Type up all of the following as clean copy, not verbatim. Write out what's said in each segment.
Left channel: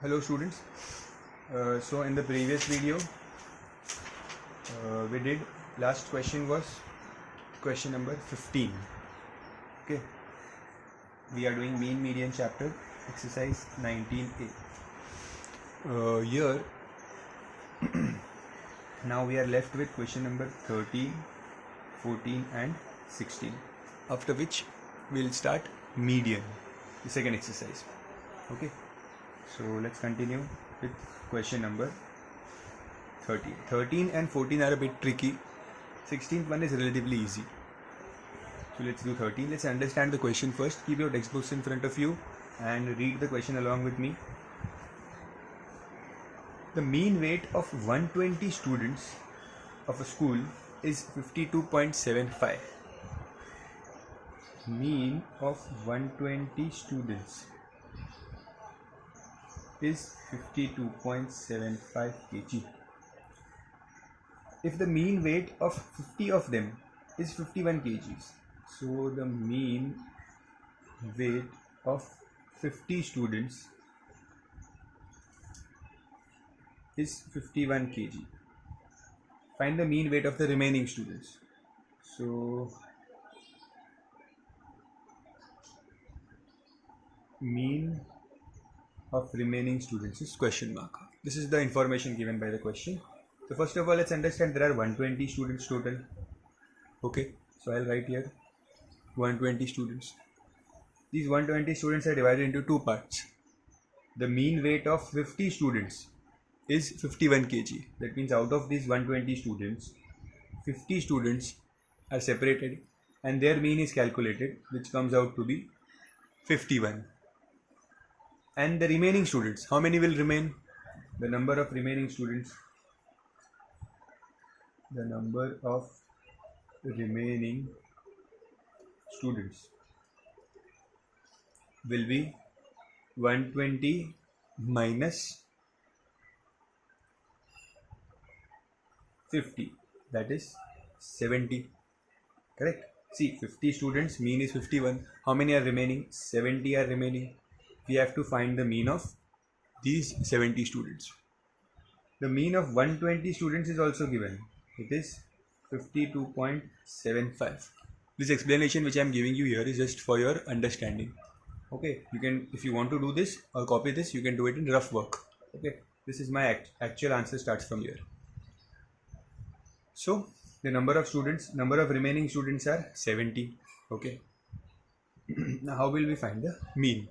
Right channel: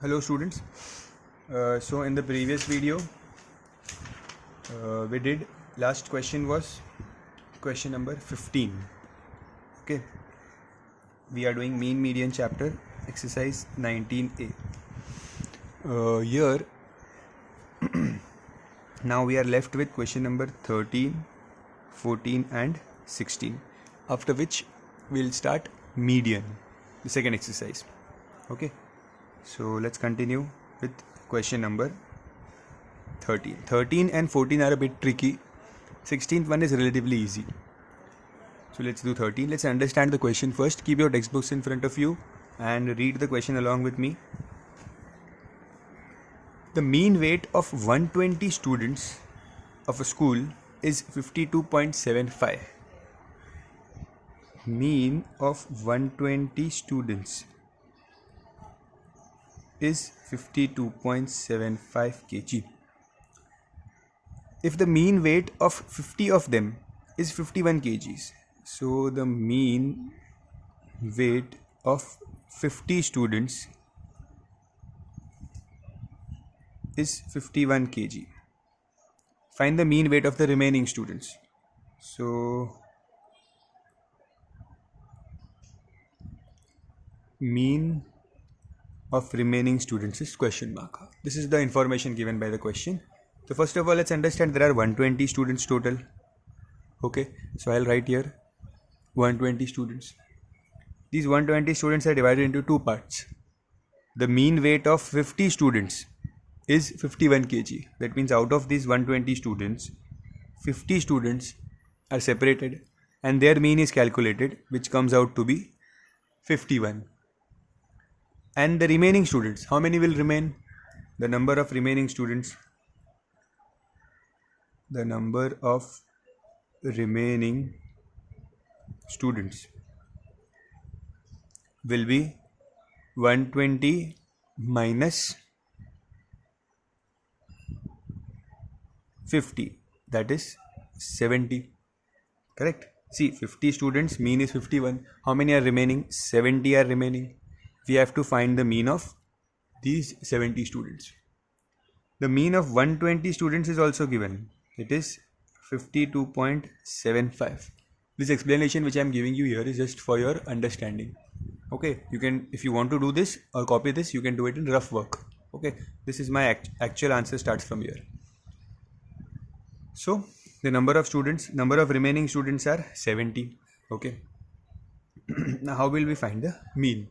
Hello students. So in the previous video we did last question was question number 15. Okay, we are doing mean median chapter exercise 19a. Here now we are left with question number 13, 14 and 16, after which we'll start median, the second exercise. Okay, so let's continue with question number 13. 13 and 14 are a bit tricky. 16th one is relatively easy. So let's do 13. Let's understand the question first. Keep your textbooks in front of you and read the question along with me. The mean weight of 120 students of a school is 52.75. Mean of 120 students is 52.75 kg. If the mean weight of 50 of them is 51 kgs, so the mean weight of 50 students is 51 kg. Find the mean weight of the remaining students. So mean of remaining students is question mark. This is the information given by the question. So first of all, let's understand there are 120 students total. Okay, so I'll write here 120 students. These 120 students are divided into two parts. The mean weight of 50 students is 51 kg. That means out of these 120 students, 50 students are separated and their mean is calculated, which comes out to be 51. And the remaining students, how many will remain? The number of remaining students, will be 120 minus 50, that is 70. Correct? See, 50 students, mean is 51. How many are remaining? 70 are remaining. We have to find the mean of these 70 students. The mean of 120 students is also given. It is 52.75. This explanation which I am giving you here is just for your understanding. Okay, you can, if you want to do this or copy this, you can do it in rough work. Okay, this is my actual answer starts from here. So the number of remaining students are 70. Okay. Now how will we find the mean?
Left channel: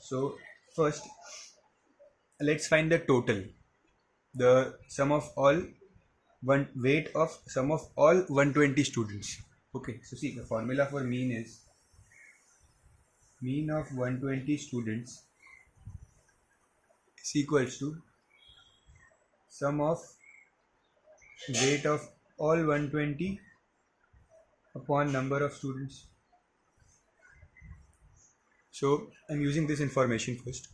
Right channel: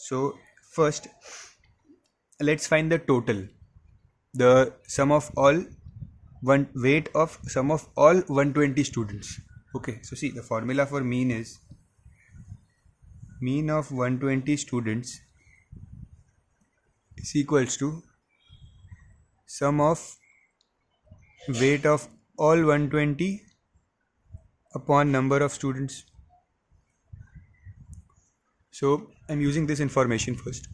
So first, let's find the total. The sum of all weight of sum of all 120 students. Okay, so see, the formula for mean is mean of 120 students is equals to sum of weight of all 120 upon number of students. So I'm using this information first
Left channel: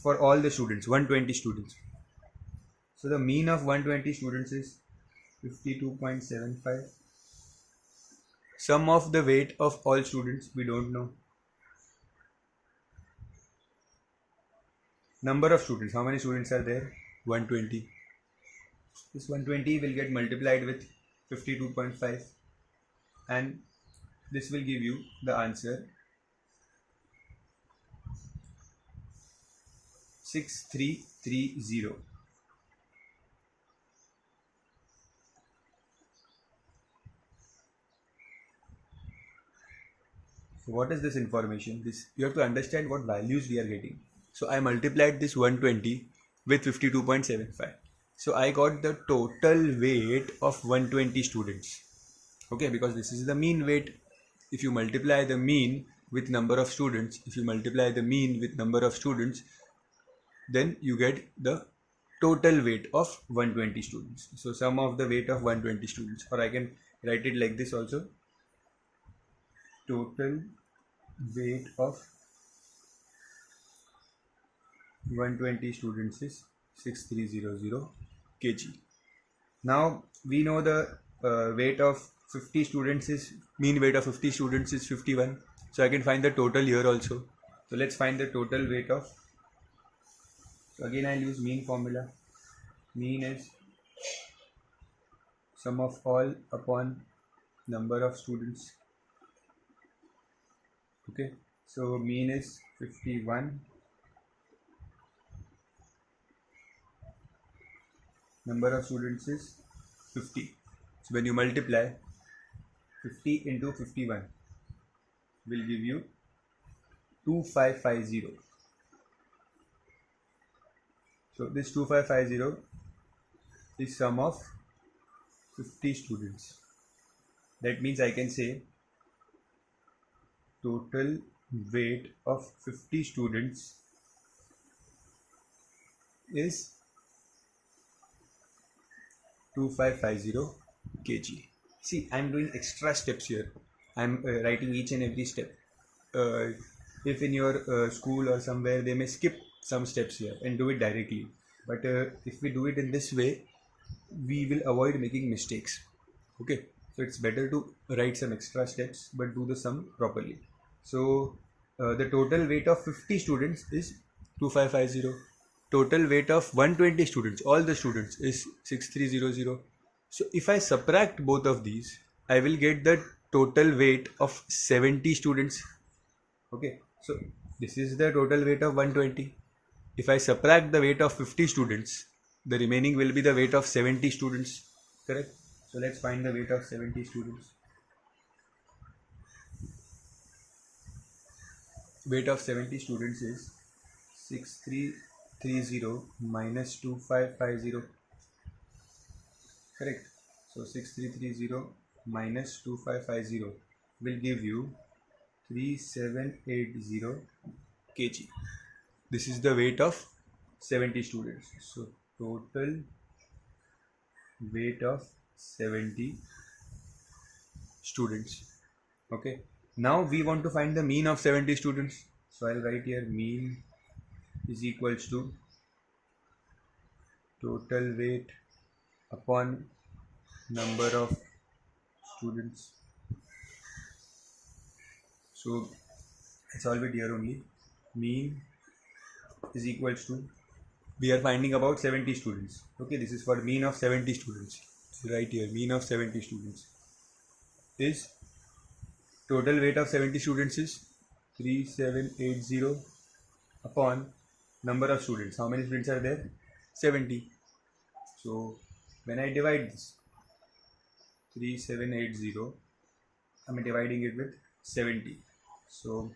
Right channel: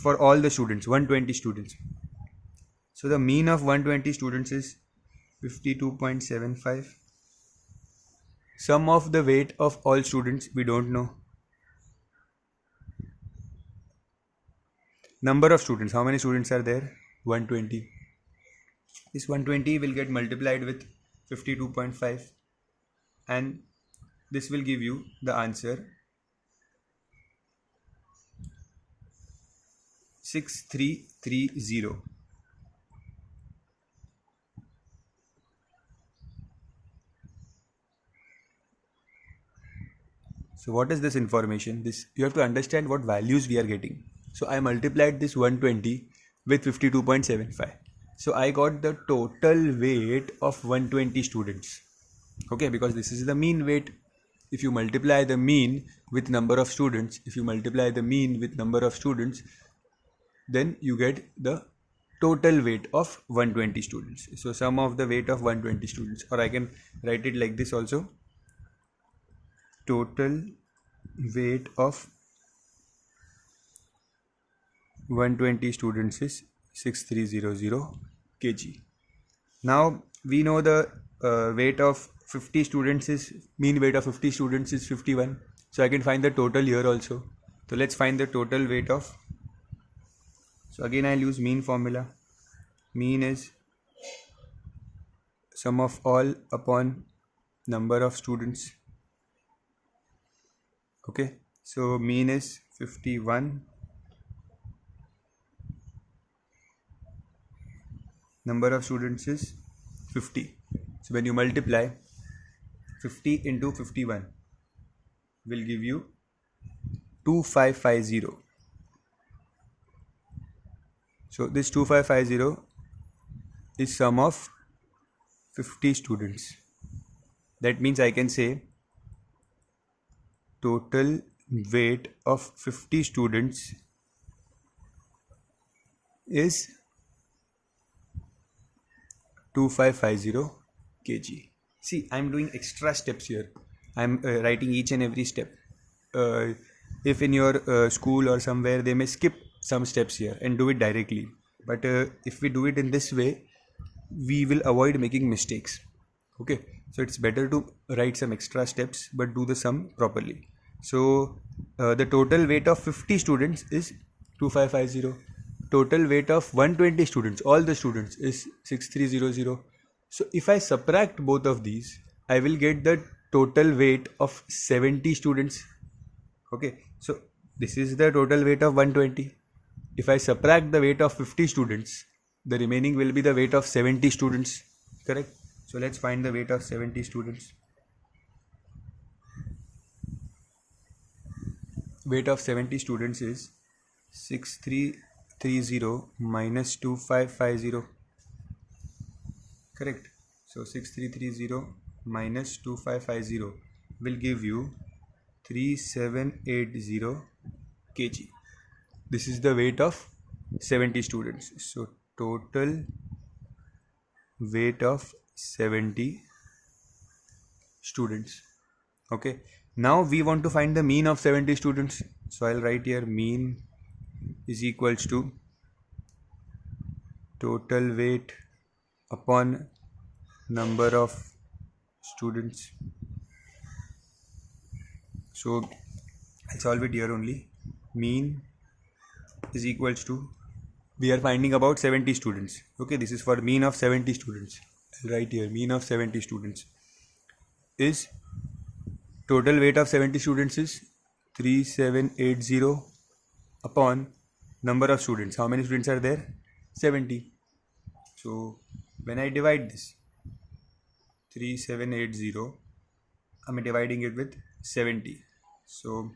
for all the students, 120 students. So the mean of 120 students is 52.75. Sum of the weight of all students, we don't know. Number of students, how many students are there? 120. This 120 will get multiplied with 52.5 and this will give you the answer 6330. So what is this information? This you have to understand what values we are getting. So I multiplied this 120 with 52.75. So I got the total weight of 120 students. Okay, because this is the mean weight. If you multiply the mean with number of students, then you get the total weight of 120 students. So sum of the weight of 120 students, or I can write it like this also. Total weight of 120 students is 6300 kg. Now we know the weight of 50 students is, mean weight of 50 students is 51. So I can find the total here also. So let's find the total weight of So again I'll use mean formula. Mean is sum of all upon number of students. Okay, so mean is 51, number of students is 50. So when you multiply 50 into 51 will give you 2550. So this 2550 is sum of 50 students. That means I can say total weight of 50 students is 2550 kg. See, I'm doing extra steps here. I'm writing each and every step. If in your school or somewhere they may skip some steps here and do it directly. But if we do it in this way, we will avoid making mistakes. Okay, so it's better to write some extra steps but do the sum properly. So the total weight of 50 students is 2550. Total weight of 120 students, all the students, is 6300. So if I subtract both of these, I will get the total weight of 70 students. Okay, so this is the total weight of 120. If I subtract the weight of 50 students, the remaining will be the weight of 70 students. Correct? So let's find the weight of 70 students. Weight of 70 students is 6330 minus 2550. Correct? So 6330 minus 2550 will give you 3780 kg. This is the weight of 70 students. So total weight of 70 students. Okay, now we want to find the mean of 70 students. So I'll write here mean is equals to total weight upon number of students. So I'll solve it here only. Mean is equals to, we are finding about 70 students. Okay, this is for mean of 70 students. I'll write here mean of 70 students is total weight of 70 students is 3780 upon number of students. How many students are there? 70. So when I divide this 3780, I'm dividing it with 70. So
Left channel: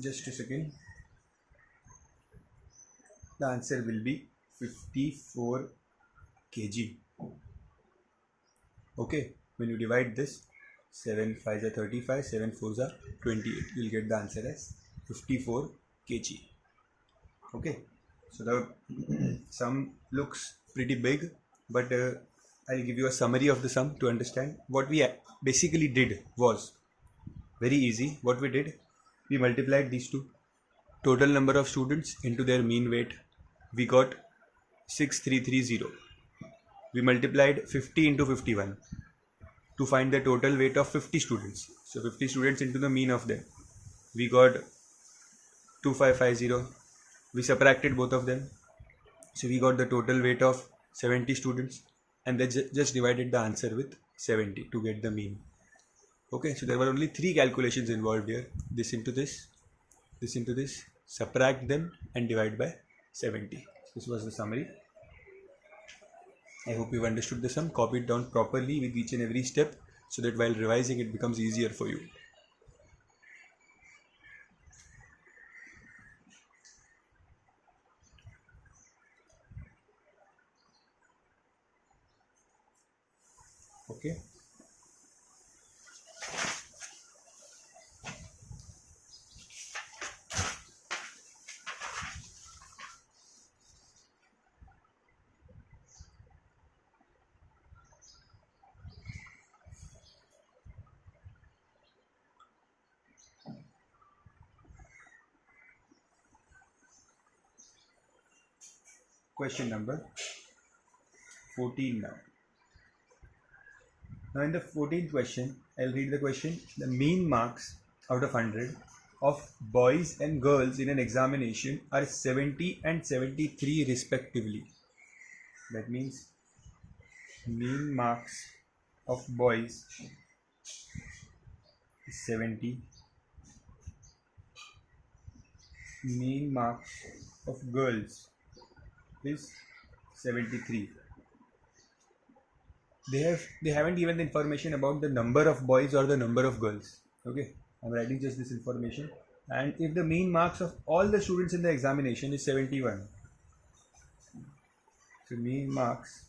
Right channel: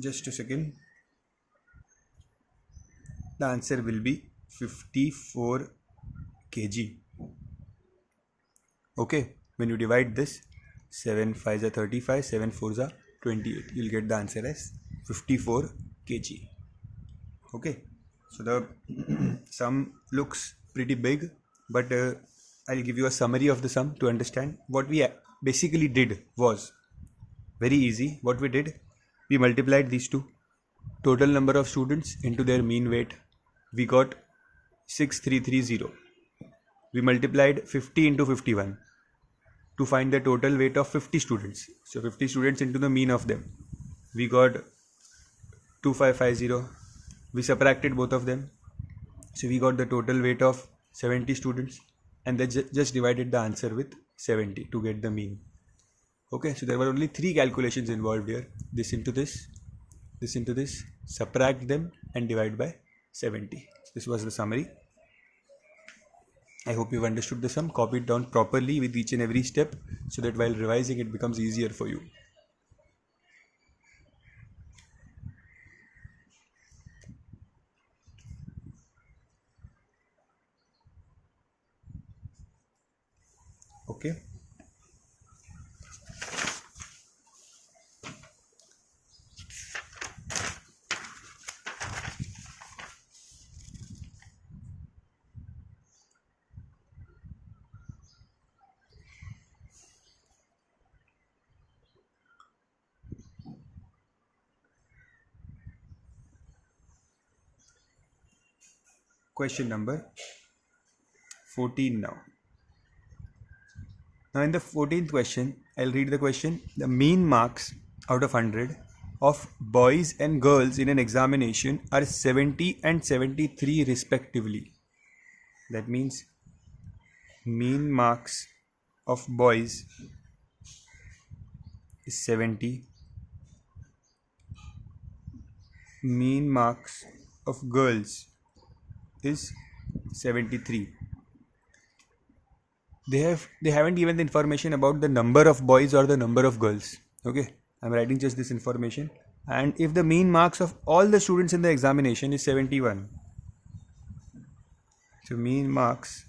just a second. The answer will be 54 kg. Okay, when you divide this, 7 5s are 35, 7 4s are 28. You'll get the answer as 54 kg. Okay, so the sum looks pretty big, but I'll give you a summary of the sum to understand. What we basically did was very easy. What we did, we multiplied these two, total number of students into their mean weight. We got 6330. We multiplied 50 into 51 to find the total weight of 50 students. So 50 students into the mean of them. We got 2550. We subtracted both of them. So we got the total weight of 70 students, and then just divided the answer with 70 to get the mean. Okay, so there were only 3 calculations involved here. This into this, subtract them and divide by 70. This was the summary. I hope you've understood the sum. Copy it down properly with each and every step so that while revising it becomes easier for you. Okay. Question number 14 now. Now in the 14th question, I'll read the question. The mean marks out of 100 of boys and girls in an examination are 70 and 73 respectively. That means mean marks of boys is 70, mean marks of girls is 73. They haven't given the information about the number of boys or the number of girls. Okay, I'm writing just this information. And if the mean marks of all the students in the examination is 71, so mean marks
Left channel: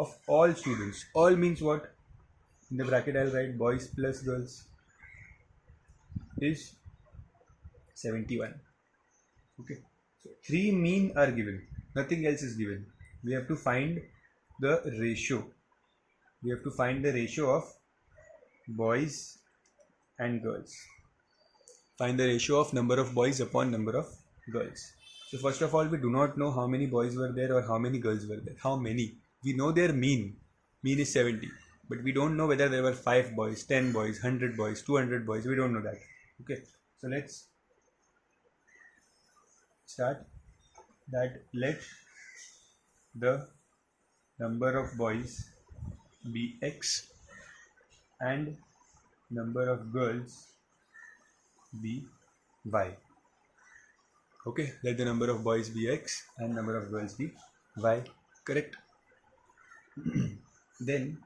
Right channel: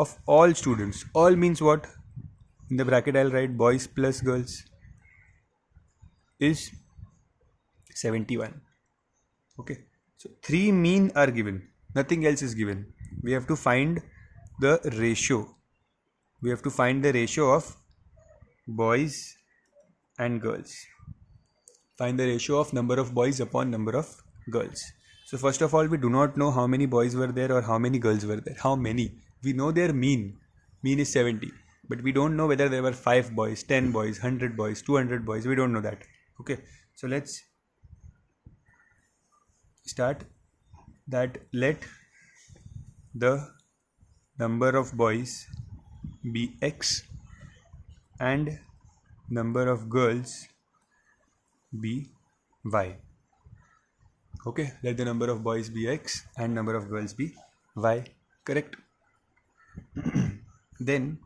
of all students, all means what? In the bracket I'll write boys plus girls is 71. Okay, so 3 mean are given, nothing else is given. We have to find the ratio. We have to find the ratio of boys and girls. Find the ratio of number of boys upon number of girls. So first of all, we do not know how many boys were there or how many girls were there. How many? We know their mean. Mean is 70. But we don't know whether there were 5 boys, 10 boys, 100 boys, 200 boys. We don't know that. Okay. So let's start that. Let the number of boys be X and number of girls be Y. Okay, let the number of boys be X and number of girls be Y. Correct. Then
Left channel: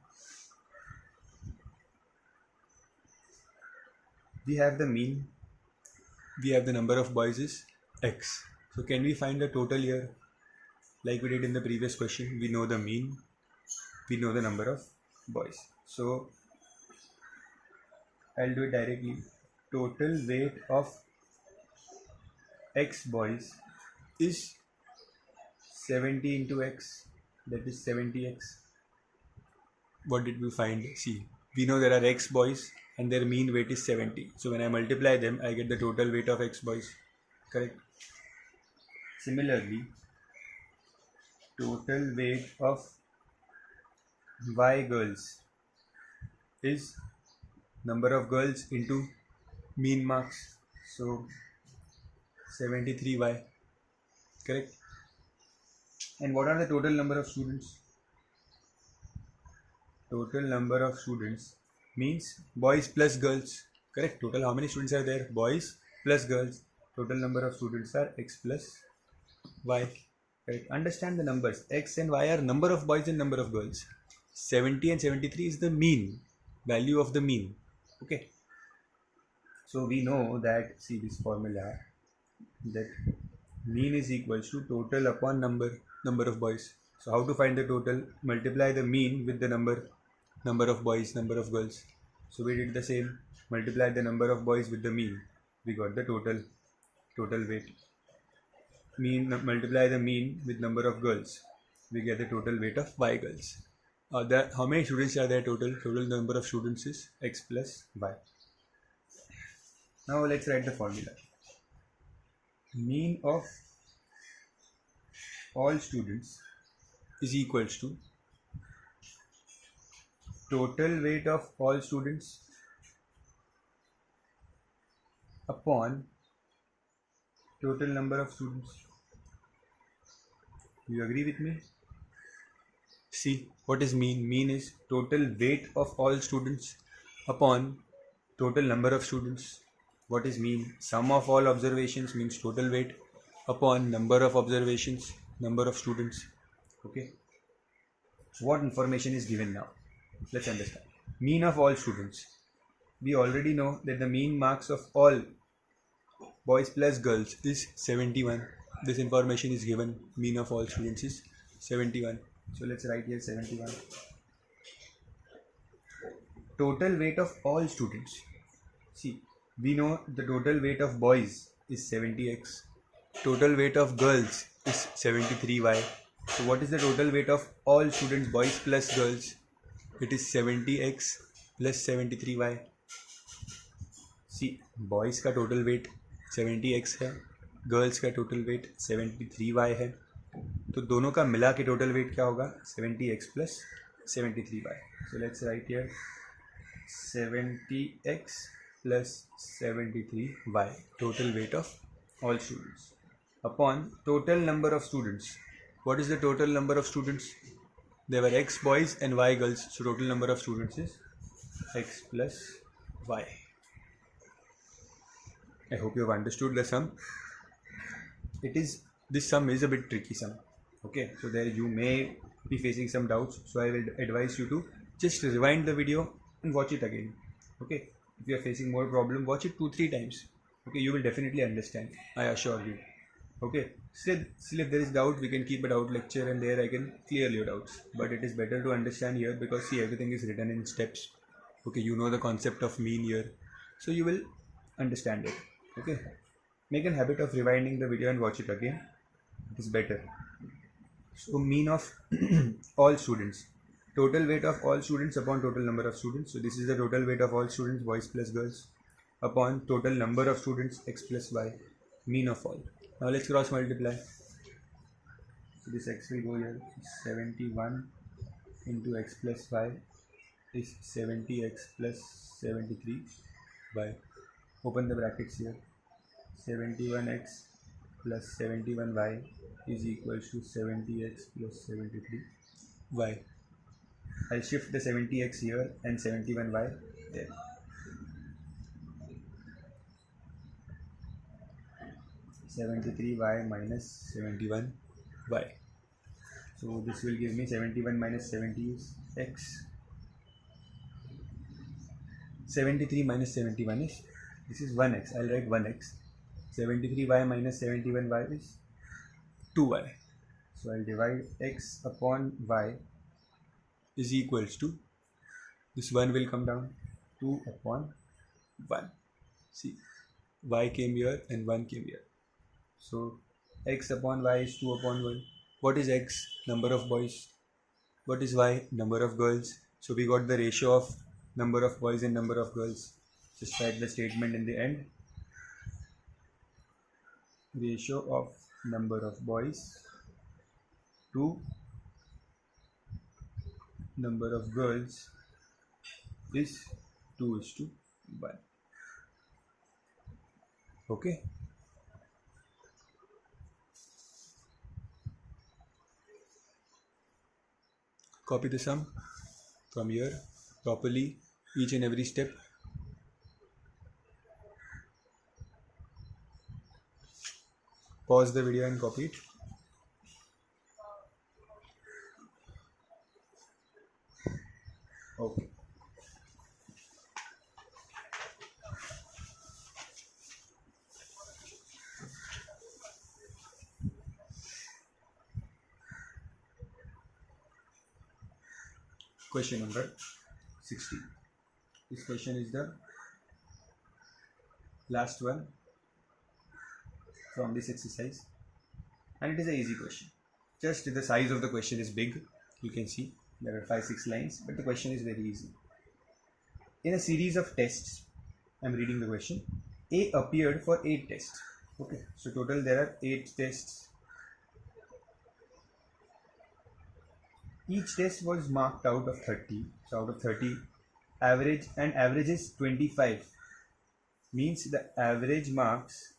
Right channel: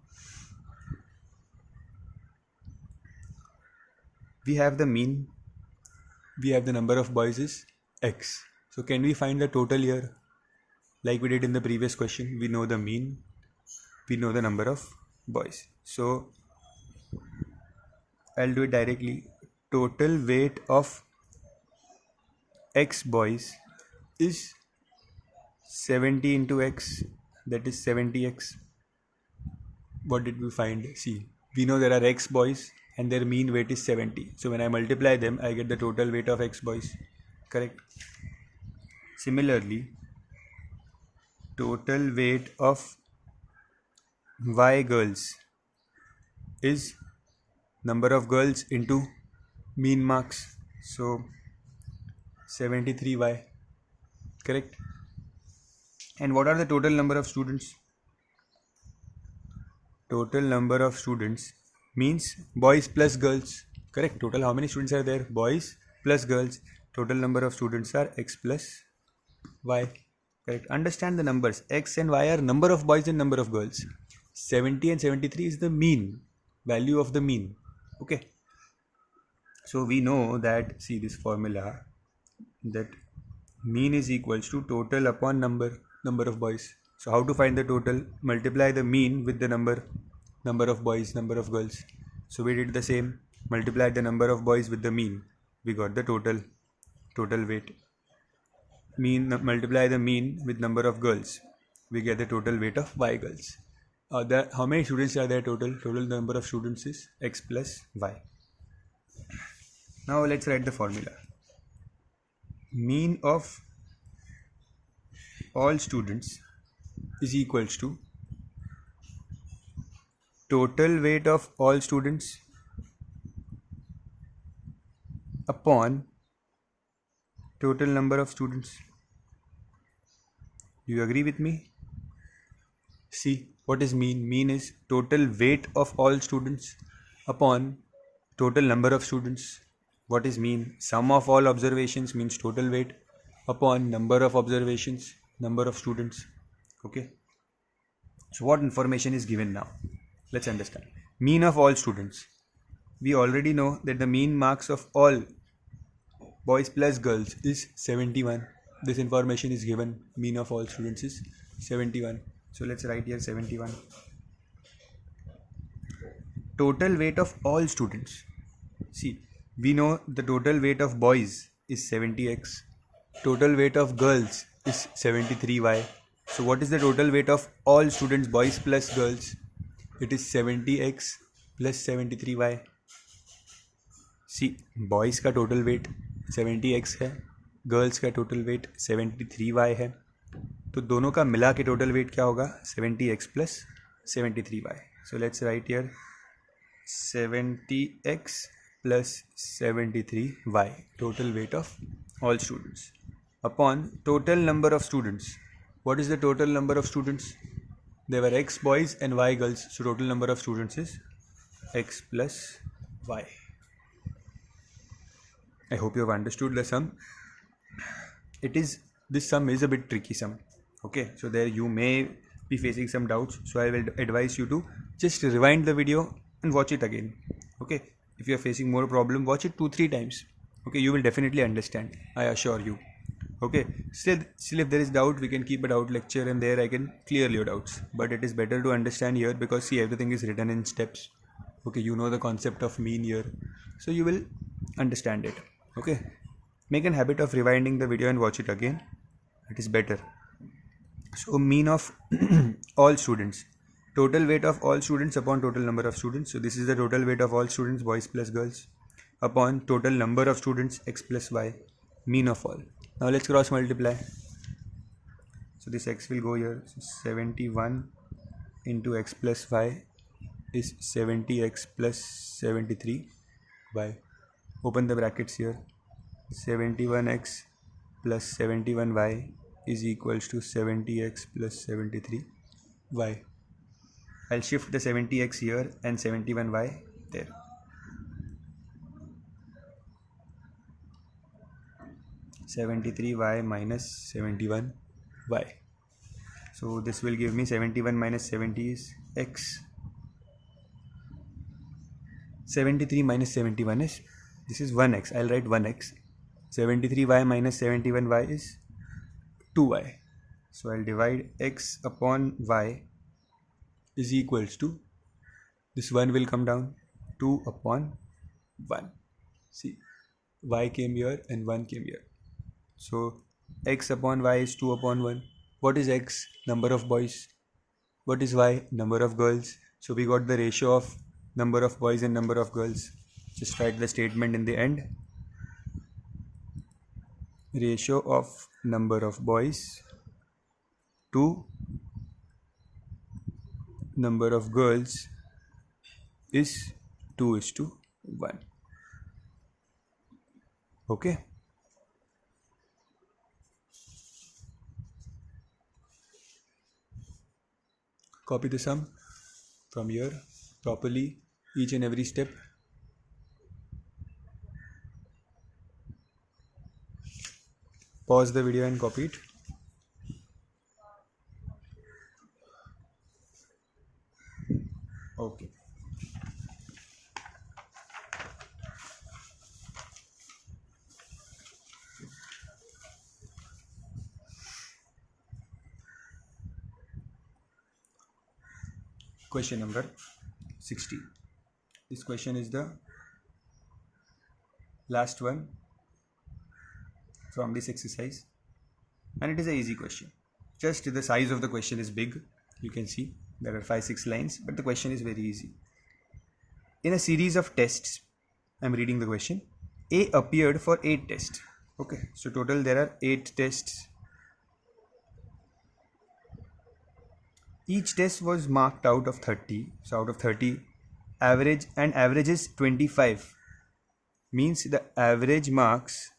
we have the mean, we have the number of boys is X. So can we find the total here? Like we did in the previous question, we know the mean, we know the number of boys. So I'll do it directly. Total weight of X boys is 70 into X, that is 70X. What did we find? See, we know there are X boys and their mean weight is 70. So when I multiply them, I get the total weight of X boys. Correct. Similarly, total weight of Y girls is number of girls into mean marks. So 73Y. Correct. And what are the total number of students? Total number of students means boys plus girls. Correct. Total how many students are there? Boys plus girls. Total number of students are X plus Y. Correct. Understand the numbers. X and Y are number of boys and number of girls. 70 and 73 is the mean, value of the mean. Okay. So we know that, see this formula, that mean is equals to total upon number of boys. So how to find the total? Multiply the mean with the number of boys, number of girls. So we did the same. Multiply the number of boys with the mean. We got the total weight. Mean, multiply the mean with number of girls. We get the total weight of Y girls. How many students are there total? Total number of students is X plus Y. Now let's write the formula. Mean of all students is equals to total weight of all students upon total number of students. You agree with me? See, what is mean? Mean is total weight of all students upon total number of students. What is mean? Sum of all observations means total weight upon number of observations, number of students. Okay. So what information is given now? Let's understand. Mean of all students. We already know that the mean marks of all boys plus girls is 71. This information is given. Mean of all students is 71. So let's write here 71. Total weight of all students. See, we know the total weight of boys is 70X. Total weight of girls is 73Y. So what is the total weight of all students, boys plus girls? It is 70X plus 73Y. See, boys का total weight 70X है, girls का total weight 73Y है, तो दोनों का मिला के total weight क्या होगा? 70X plus 73Y. So let's write here 70x plus 73y, total weight of all students, upon total number of students. What is the total number of students? There were x boys and y girls, so total number of students is x plus y. I hope you have understood the sum. This sum is a bit tricky sum. Okay, so there you may be facing some doubts, so I will advise you to just rewind the video and watch it again. Okay, if you are facing more problem, watch it 2-3 times. Okay, you will definitely understand, I assure you. Okay, still if there is doubt, we can keep a doubt lecture and there I can clear your doubts, but it is better to understand here because see, everything is written in steps. Okay, you know the concept of mean here, so you will understand it. Okay, make a habit of rewinding the video and watch it again. It is better. So mean of all students, total weight of all students upon total number of students. So this is the total weight of all students, boys plus girls, upon total number of students, x plus y, mean of all. Now let's cross multiply. So this x will go here. So 71 into x plus y is 70x plus 73y. Open the brackets here. 71x plus 71y is equals to 70x plus 73y. I'll shift the 70x here and 71y there. (73y minus 71y). So this will give me 71 minus 70 is x. 73 minus 71 is, this is 1x. I'll write 1x. 73y minus 71y is 2y. So I'll divide x upon y is equals to, this 1 will come down, 2 upon 1. See, y came here and 1 came here. So x upon y is 2 upon 1. What is x? Number of boys. What is y? Number of girls. So we got the ratio of number of boys and number of girls. Just write the statement in the end. Ratio of number of boys to number of girls is 2:1. Okay. Copy the sum from here properly, each and every step. Pause the video and copy it. Okay. Question number 60. This question is the last one from this exercise, and it is an easy question. Just the size of the question is big. You can see there are 5-6 lines, but the question is very easy. In a series of tests, I'm reading the question. A appeared for 8 tests. Okay, so total there are 8 tests. Each test was marked out of 30. So out of 30, average is 25. Means the average marks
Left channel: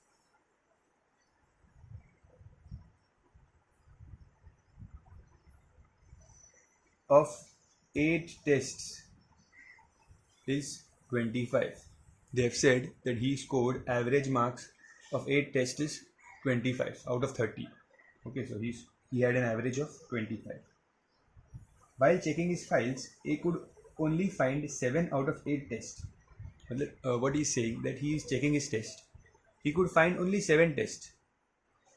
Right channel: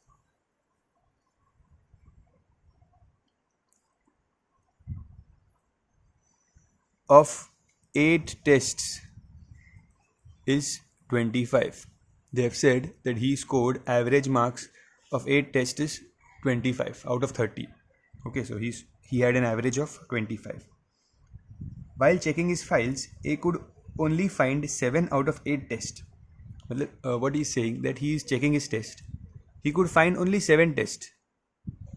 of 8 tests is 25. They have said that he scored average marks of 8 tests is 25 out of 30. Okay, so he had an average of 25. While checking his files, A could only find 7 out of 8 tests. What he is saying, that he is checking his test. He could find only 7 tests.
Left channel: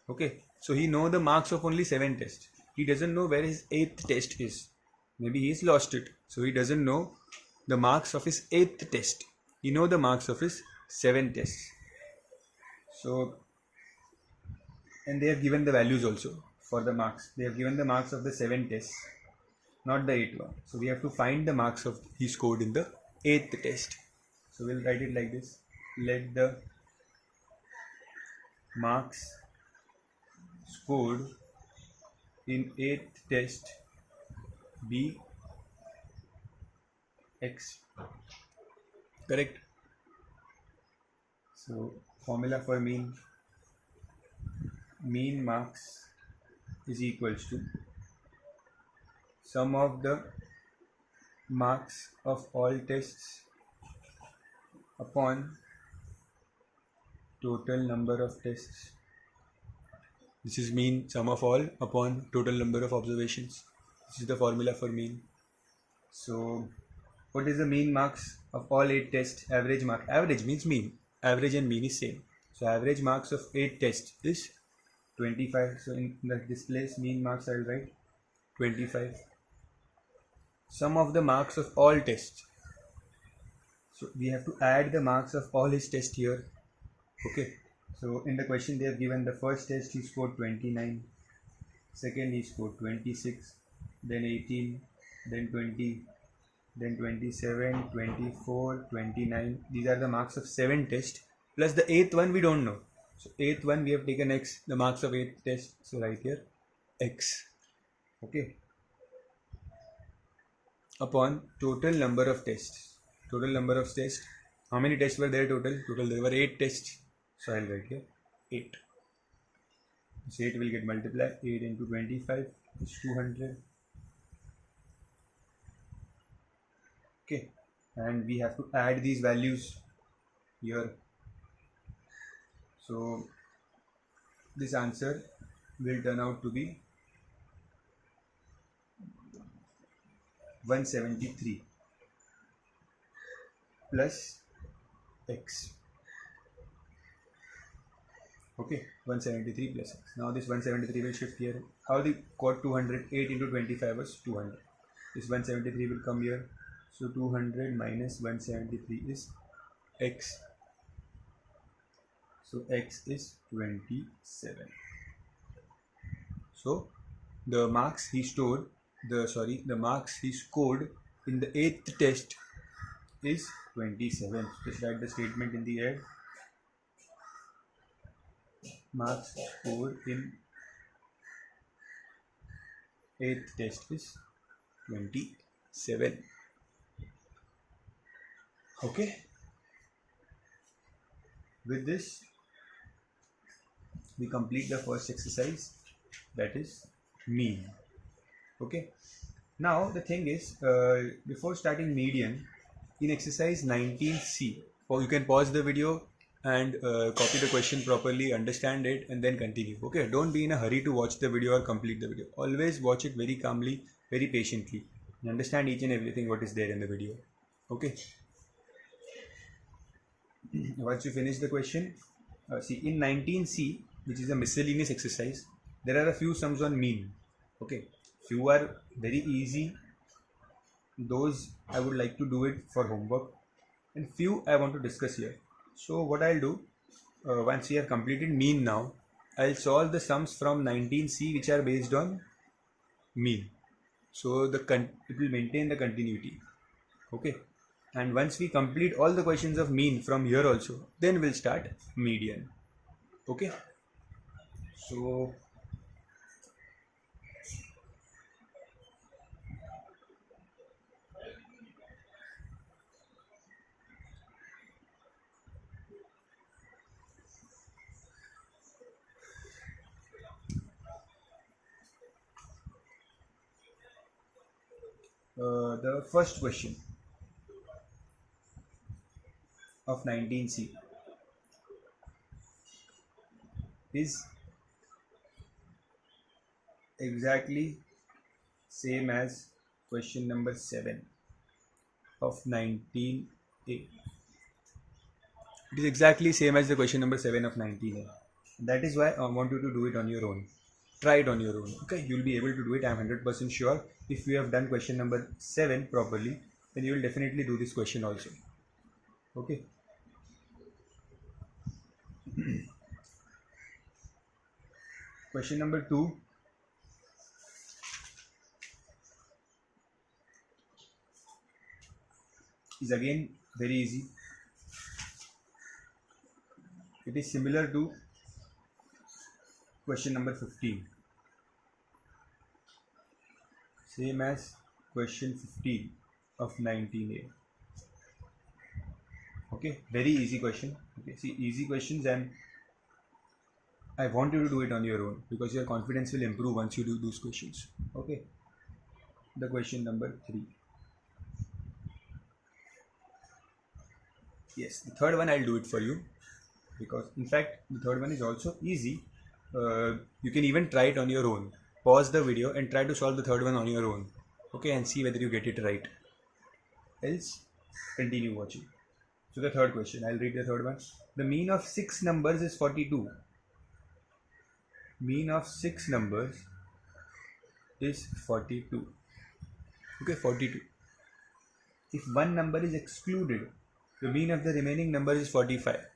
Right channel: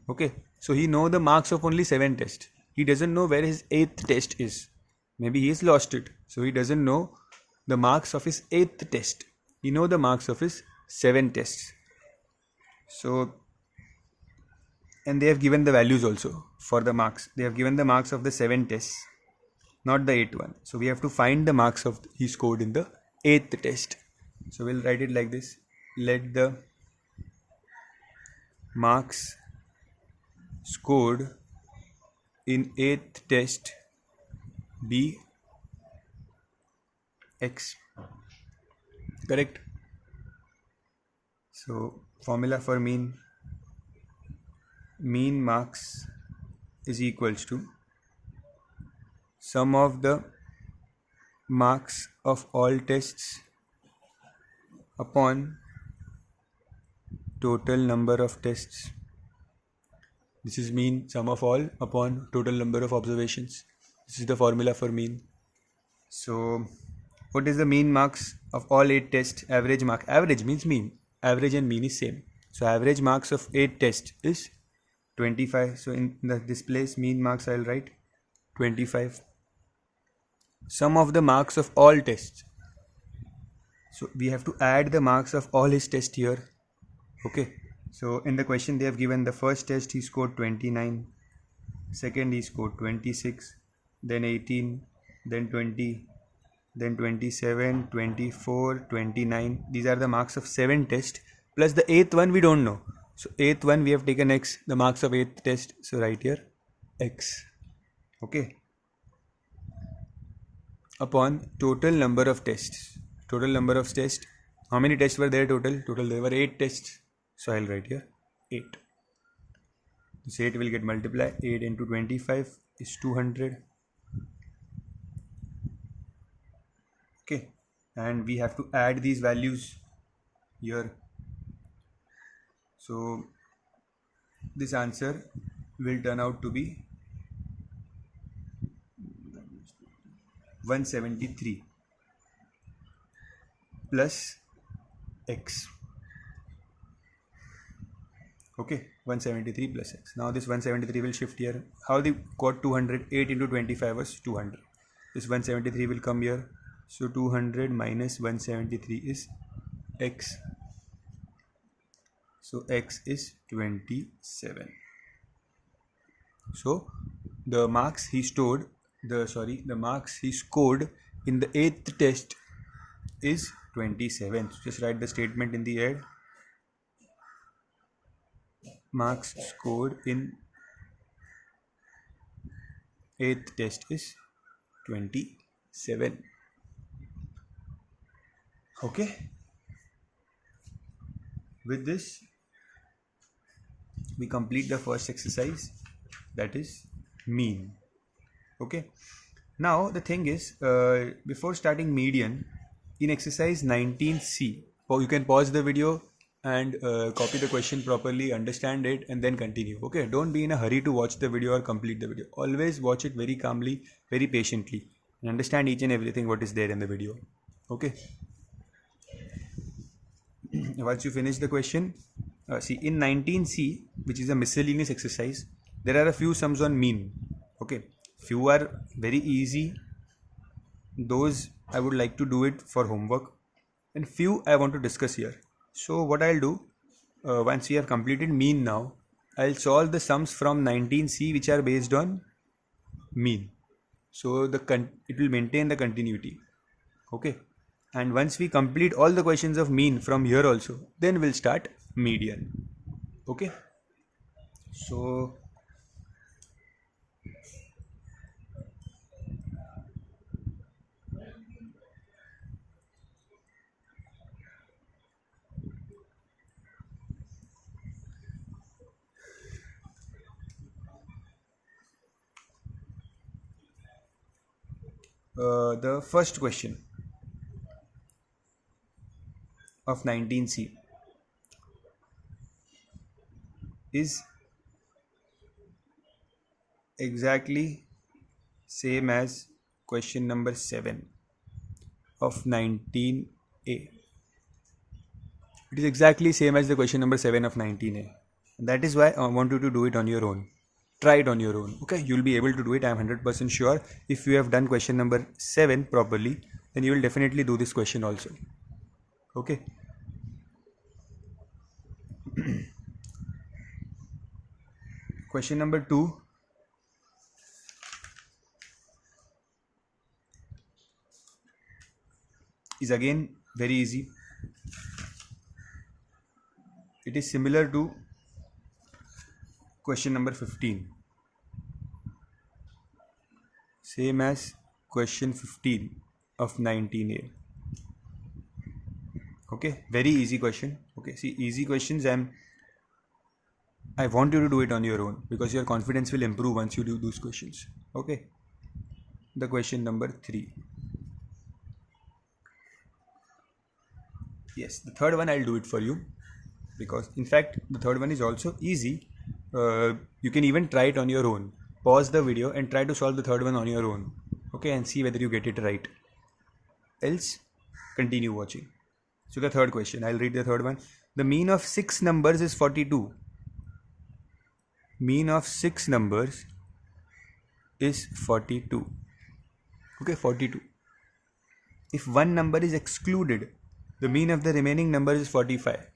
Okay, so he know the marks of only 7 tests. He doesn't know where his 8th test is. Maybe he has lost it. So he doesn't know the marks of his 8th test. He know the marks of his 7 tests. So, and they have given the values also for the marks. They have given the marks of the 7 tests, not the 8th one. So we have to find the marks of he scored in the 8th test. So we'll write it like this. Let the marks scored in 8th test be x. Correct? So formula for mean marks is equals to sum of the marks of all tests upon total number of tests. This is mean sum of all upon total number of observations. This is the formula for mean. So what is the mean marks of all 8 tests? Average mark. Average means mean. Average and mean is same. So average marks of 8 tests is 25. So in this place mean marks I'll write 25. Sum of the marks of all tests. So we have to add the marks of all his tests here. Okay. So in the question they have given the first test he scored 29, second he scored 26, then 18, then 20, then 27, 24, 29. These are the marks of 7 tests plus the 8th one we don't know. So 8th one we have taken x, the marks of 8th test. So right here x. Okay. Upon total number of tests. Total number of tests. How many tests were there total? Total there were 8 tests. So I'll write here 8. This 8 will get multiplied. 8 into 25 is 200. Okay. And we have to add these values here. So this answer will turn out to be 173 plus x. Okay, 173 plus x. Now this 173 will shift here. How they got 200? 8 into 25 was 200. This 173 will come here. So 200 minus 173 is x. So x is 27. So the marks he stored, the marks he scored in the 8th test is 27. So just write the statement in the head. Marks scored in 8th test is 27. Okay. With this we complete the first exercise, that is mean. Okay. Now the thing is, before starting median, in exercise 19C, you can pause the video and copy the question properly, understand it, and then continue. Okay, don't be in a hurry to watch the video or complete the video. Always watch it very calmly, very patiently, and understand each and everything what is there in the video. Okay. Once you finish the question, see in 19C, which is a miscellaneous exercise, there are a few sums on mean. Okay, few are very easy. Those I would like to do it for homework, and few I want to discuss here. So what I'll do, once we have completed mean now, I'll solve the sums from 19C which are based on mean. So it will maintain the continuity. Okay. And once we complete all the questions of mean from here also, then we'll start median. Okay. So the first question of 19C is exactly same as question number 7 of 19A. It is exactly same as the question number 7 of 19A. That is why I want you to do it on your own. Try it on your own. Okay, you'll be able to do it. I am 100% sure. If you have done question number 7 properly, then you will definitely do this question also. Okay. Question number 2. Is again very easy. It is similar to question number 15. Same as question 15 of 19a. Okay, very easy question. Okay, see, easy questions I want you to do it on your own because your confidence will improve once you do those questions. Okay, the question number 3. Yes, the third one I'll do it for you because in fact the third one is also easy. You can even try it on your own. Pause the video and try to solve the third one on your own. Okay, and see whether you get it right. Else, continue watching. So the third question, I'll read the third one. The mean of 6 numbers is 42. Mean of 6 numbers is 42. Okay, 42. If one number is excluded, the mean of the remaining numbers is 45.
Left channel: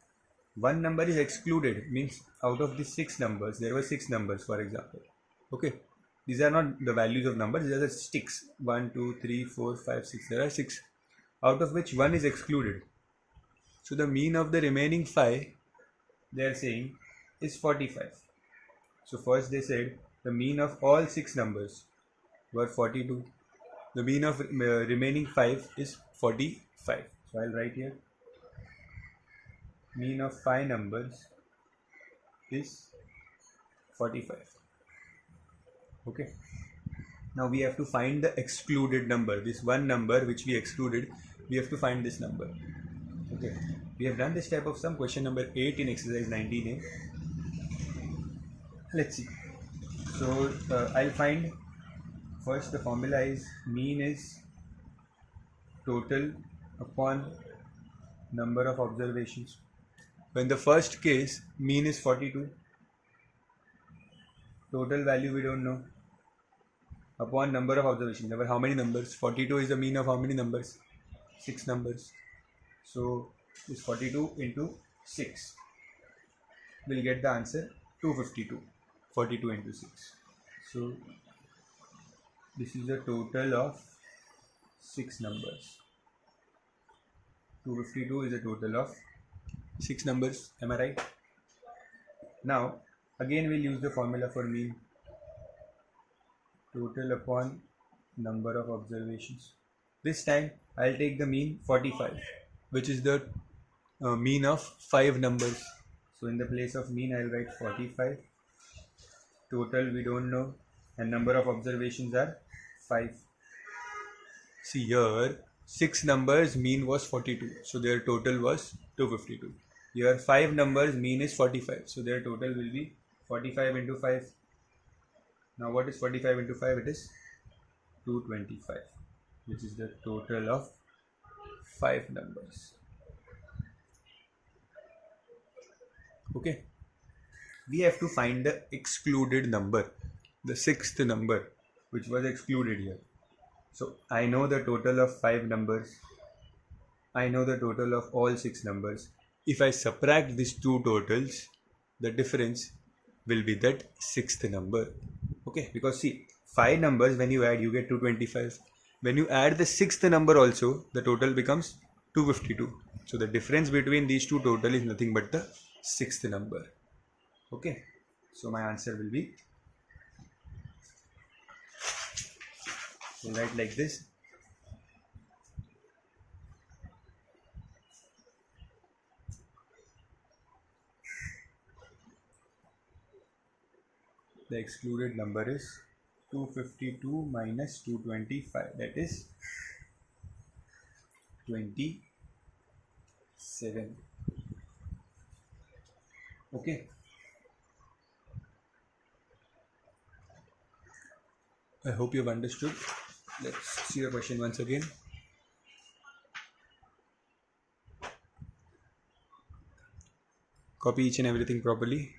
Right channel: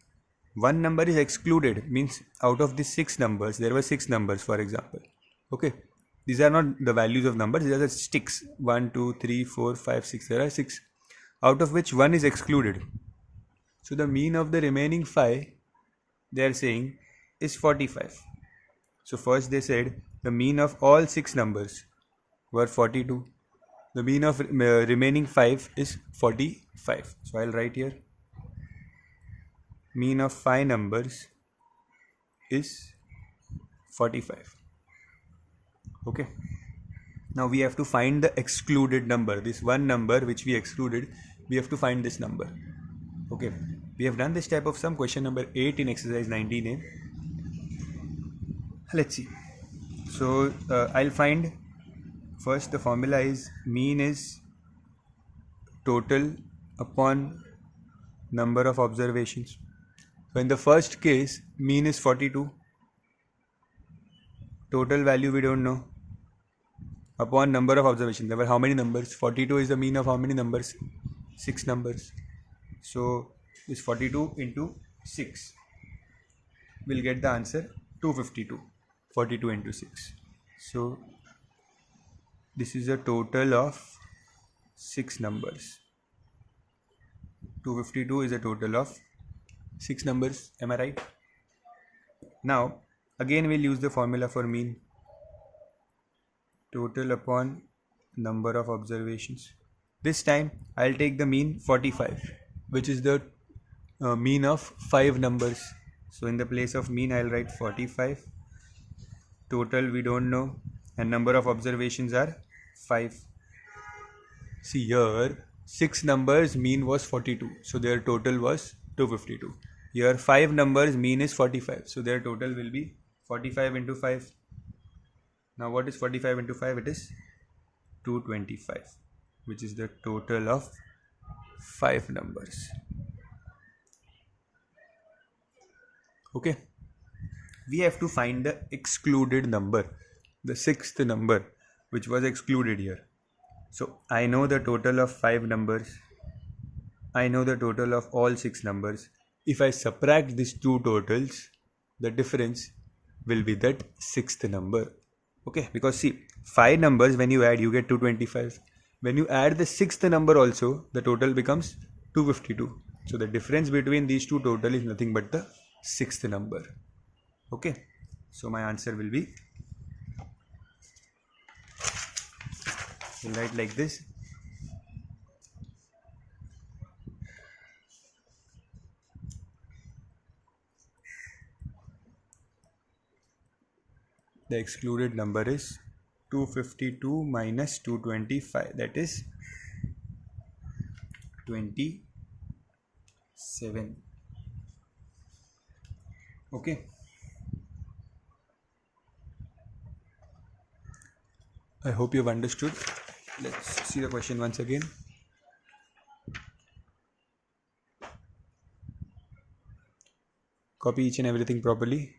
One number is excluded means out of these 6 numbers, there were 6 numbers for example. Okay, these are not the values of numbers, these are the sticks. 1, 2, 3, 4, 5, 6. There are 6, out of which one is excluded. So the mean of the remaining 5, they are saying, is 45. So first they said the mean of all 6 numbers were 42. The mean of remaining 5 is 45. So I'll write here mean of 5 numbers is 45. Okay. Now we have to find the excluded number. This one number which we excluded, we have to find this number. Okay. We have done this type of sum, question number 8 in exercise 19a. Let's see. So I'll find first the formula is mean is total upon number of observations. So in the first case, mean is 42. Total value we don't know. Upon number of observations. There were how many numbers? 42 is the mean of how many numbers? 6 numbers. So this 42 into 6. We'll get the answer 252. 42 into 6. So this is a total of 6 numbers. 252 is a total of 6 numbers. Am I right? Now again we'll use the formula for mean. Total upon number of observations. This time I'll take the mean 45, which is the mean of 5 numbers. So in the place of mean I'll write 45. Total we don't know, and number of observations are 5. See here 6 numbers, mean was 42, so their total was 252. Here 5 numbers, mean is 45, so their total will be 45 into 5. Now what is 45 into 5? It is 225, which is the total of 5 numbers. Okay, we have to find the excluded number, the 6th number which was excluded here. So I know the total of 5 numbers. I know the total of all 6 numbers. If I subtract these two totals, the difference will be that 6th number. Okay, because see, 5 numbers when you add, you get 225. When you add the 6th number also, the total becomes 252. So the difference between these two total is nothing but the 6th number. Okay, so my answer will be, we'll write like this. The excluded number is 252 minus 225, that is 27. Okay. I hope you have understood. Let's see the question once again. Copy each and everything properly.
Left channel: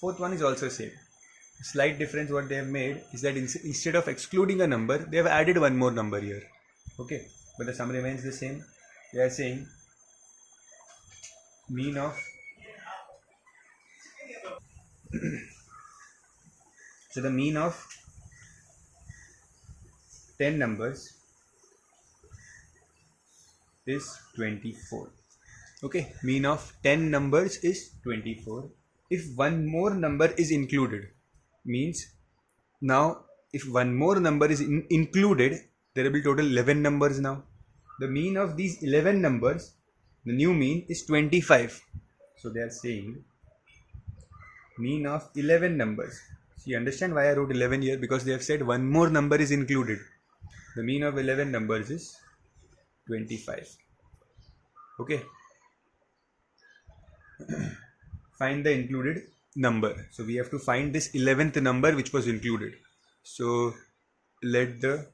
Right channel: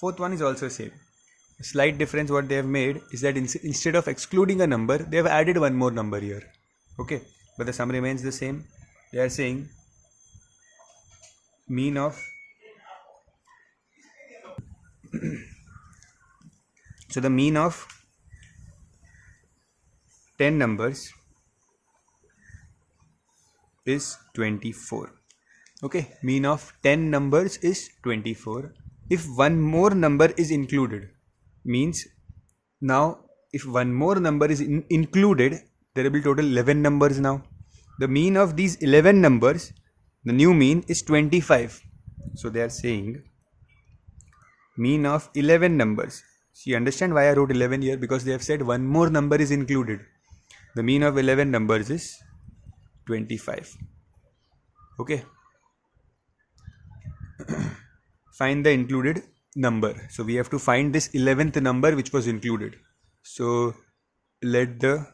Fourth one is also same. A slight difference what they have made is that instead of excluding a number, they have added one more number here. Okay, but the sum remains the same. They are saying mean of so the mean of 10 numbers is 24. Okay, mean of 10 numbers is 24. If one more number is included, means now if one more number is included, there will be total 11 numbers now. The mean of these 11 numbers, the new mean is 25. So they are saying mean of 11 numbers. So you understand why I wrote 11 here? Because they have said one more number is included. The mean of 11 numbers is 25. Okay. Find the included number. So we have to find this 11th number which was included. So let the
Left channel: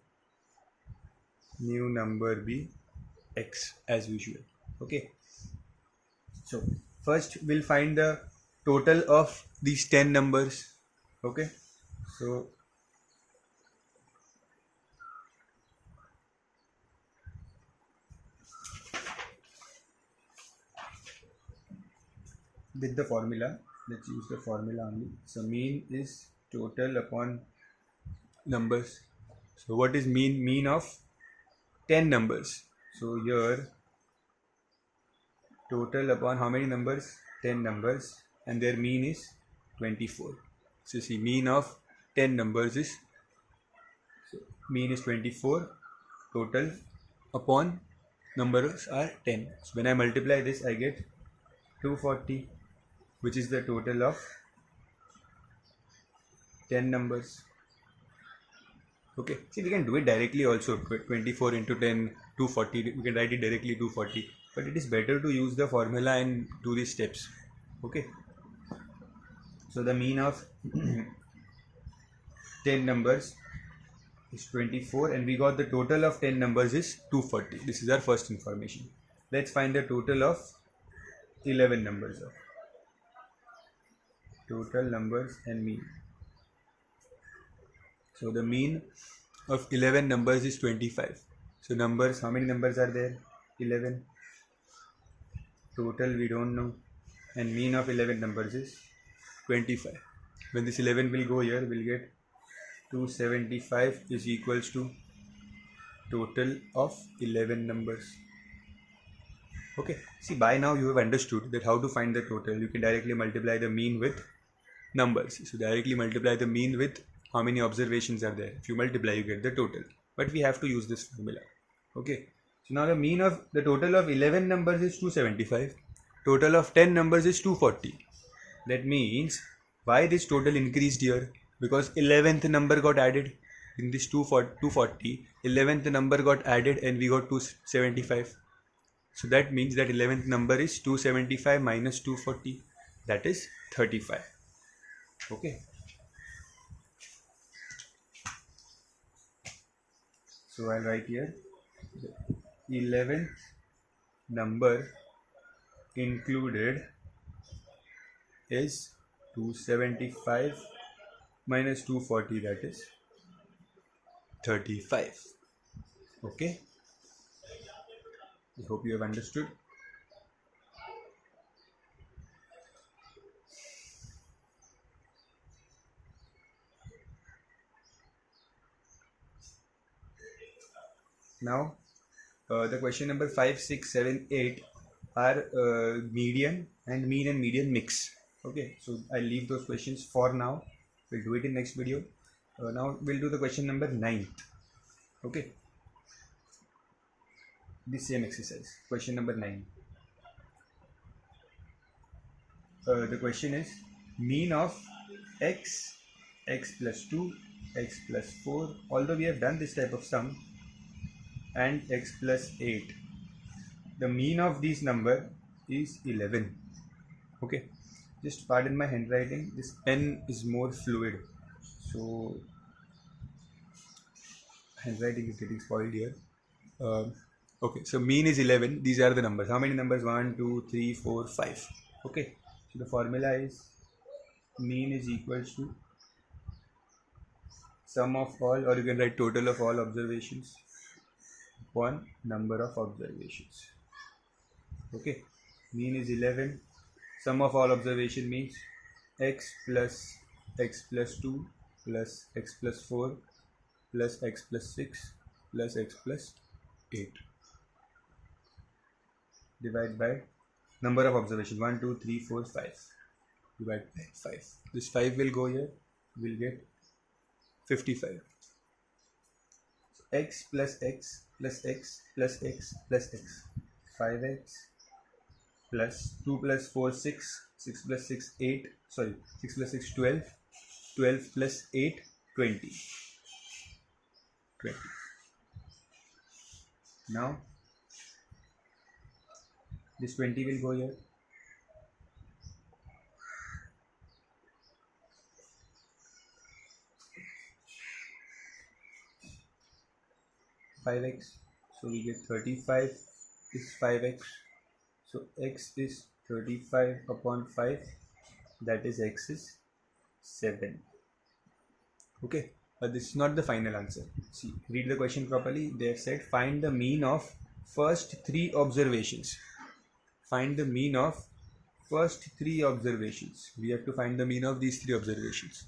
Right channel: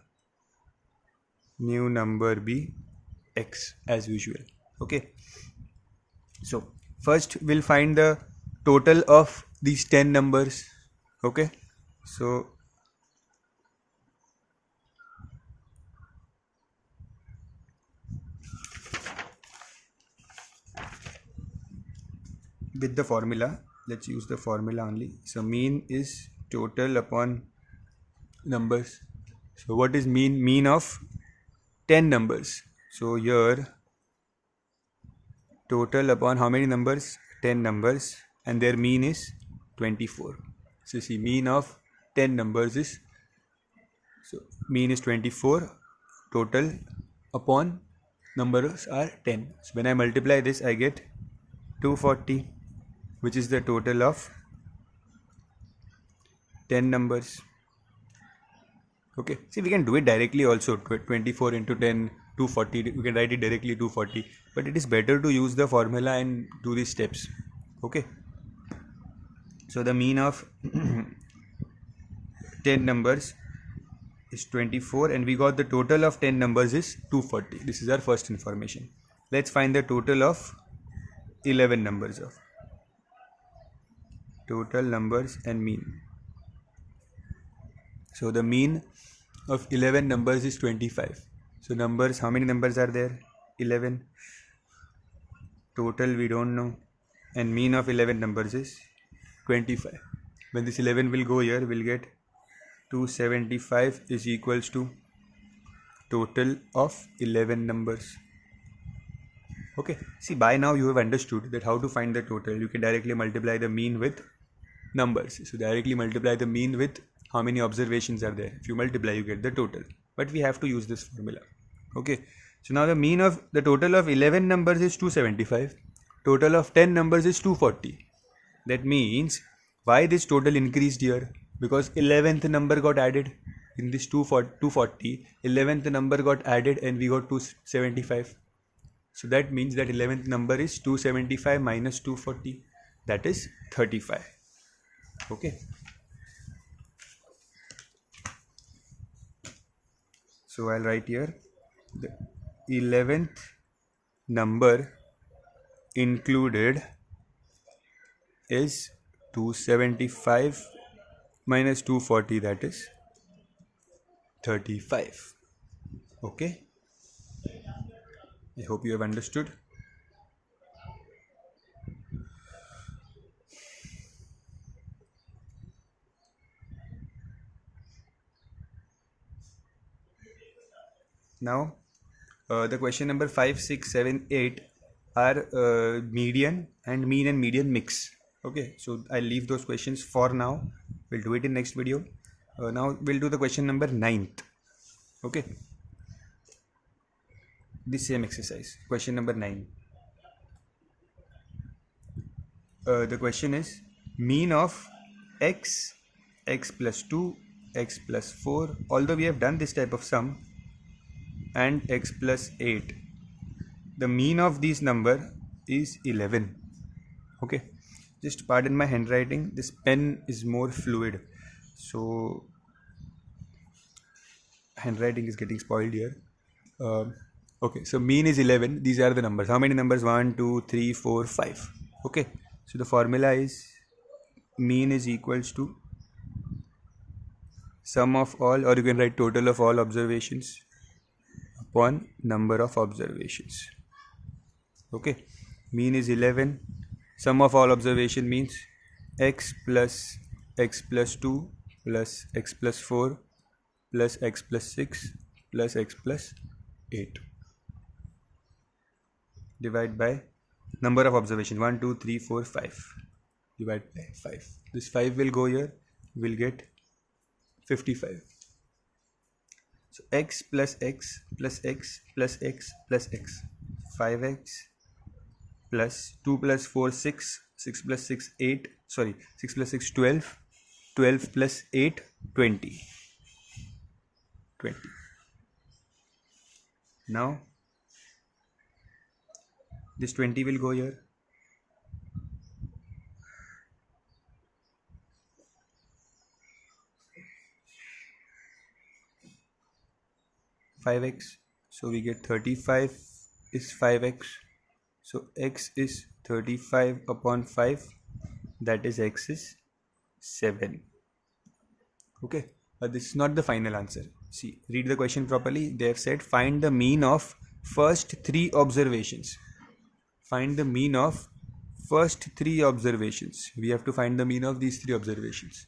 new number be x as usual. Okay. So first we'll find the total of these 10 numbers. Okay. So with the formula, let's use the formula only. So mean is total upon numbers. So what is mean? Mean of 10 numbers. So here total upon how many numbers? 10 numbers, and their mean is 24. So see, mean of 10 numbers is, so mean is 24, total upon numbers are 10. So when I multiply this, I get 240, which is the total of 10 numbers. Okay, see, we can do it directly also. 24 into 10, 240. We can write it directly 240, but it is better to use the formula and do these steps. Okay, so the mean of 10 numbers is 24, and we got the total of 10 numbers is 240. This is our first information. Let's find the total of 11 numbers of total numbers and mean. So the mean of 11 numbers is 25. So numbers, how many numbers are there? 11. Total we don't know, and mean of 11 numbers is 25. When this 11 will go here, we'll get 275 is equals to total of 11 numbers. Okay, see, by now you have understood that how to find the total. You can directly multiply the mean with numbers. So directly multiply the mean with how many observations are there. If you multiply, you get the total, but we have to use this formula. Okay, so now the mean of the total of 11 numbers is 275, total of 10 numbers is 240. That means why this total increased here? Because 11th number got added in this 240. 11th number got added and we got 275. So that means that 11th number is 275 minus 240, that is 35. Okay. So I'll write here the 11th number included is 275 minus 240, that is 35. Okay. I hope you have understood. Now the question number 5, 6, 7, 8 are median and median mix. Okay, so I'll leave those questions for now. We'll do it in next video. Now we'll do the question number 9th. Okay, this same exercise, question number 9. The question is mean of x, x plus 2, x plus 4. Although we have done this type of sum, and x plus 8, the mean of these number is 11. Okay, just pardon my handwriting, this pen is more fluid, so handwriting is getting spoiled here. Okay, so mean is 11. These are the numbers. How many numbers? 1, 2, 3, 4, 5. Okay, so the formula is mean is equals to sum of all, or you can write total of all observations upon number of observations. Okay, mean is 11. Sum of all observation means x plus 2 plus x plus 4 plus x plus 6 plus x plus 8. Divide by number of observations 1, 2, 3, 4, 5. Divide by 5. This 5 will go here. We'll get 55. So x plus x plus x plus x plus x. 5x plus 2 plus 4 6. 6 plus 6 8. Sorry, 6 plus 6 12. 12 plus 8 20. 20. Now this 20 will go here. 5x, so we get 35 is 5x, so x is 35 upon 5, that is x is 7. Okay, but this is not the final answer. See, read the question properly. They have said find the mean of first 3 observations. Find the mean of first 3 observations. We have to find the mean of these 3 observations.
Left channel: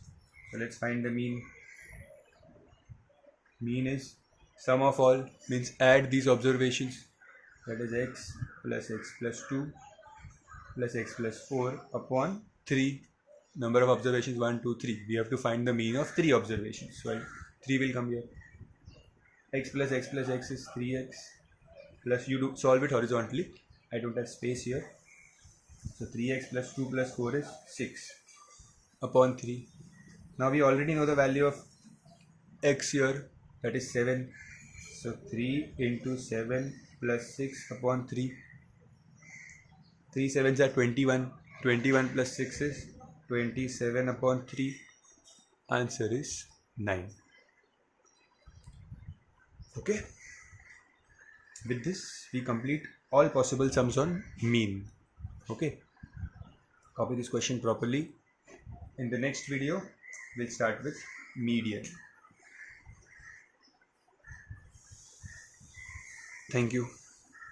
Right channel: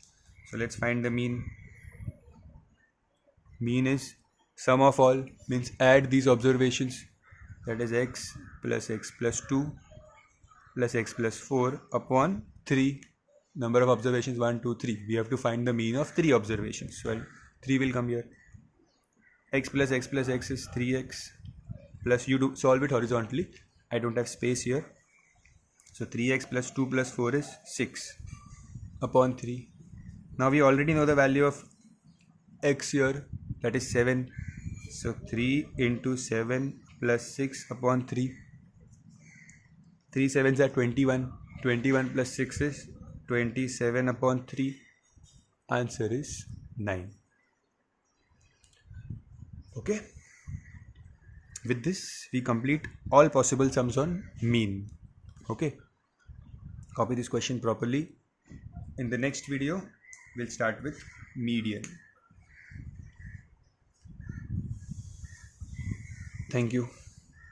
So let's find the mean. Mean is sum of all, means add these observations, that is x plus 2 plus x plus 4 upon 3, number of observations 1, 2, 3. We have to find the mean of 3 observations. So 3 will come here. X plus x is 3x plus, you do solve it horizontally. I don't have space here. So 3x plus 2 plus 4 is 6 upon 3. Now we already know the value of x here, that is 7. So 3 into 7 plus 6 upon 3. 3 sevens are 21. 21 plus 6 is 27 upon 3. Answer is 9. Okay. With this, we complete all possible sums on mean. Okay. Copy this question properly. In the next video, we'll start with median. Thank you.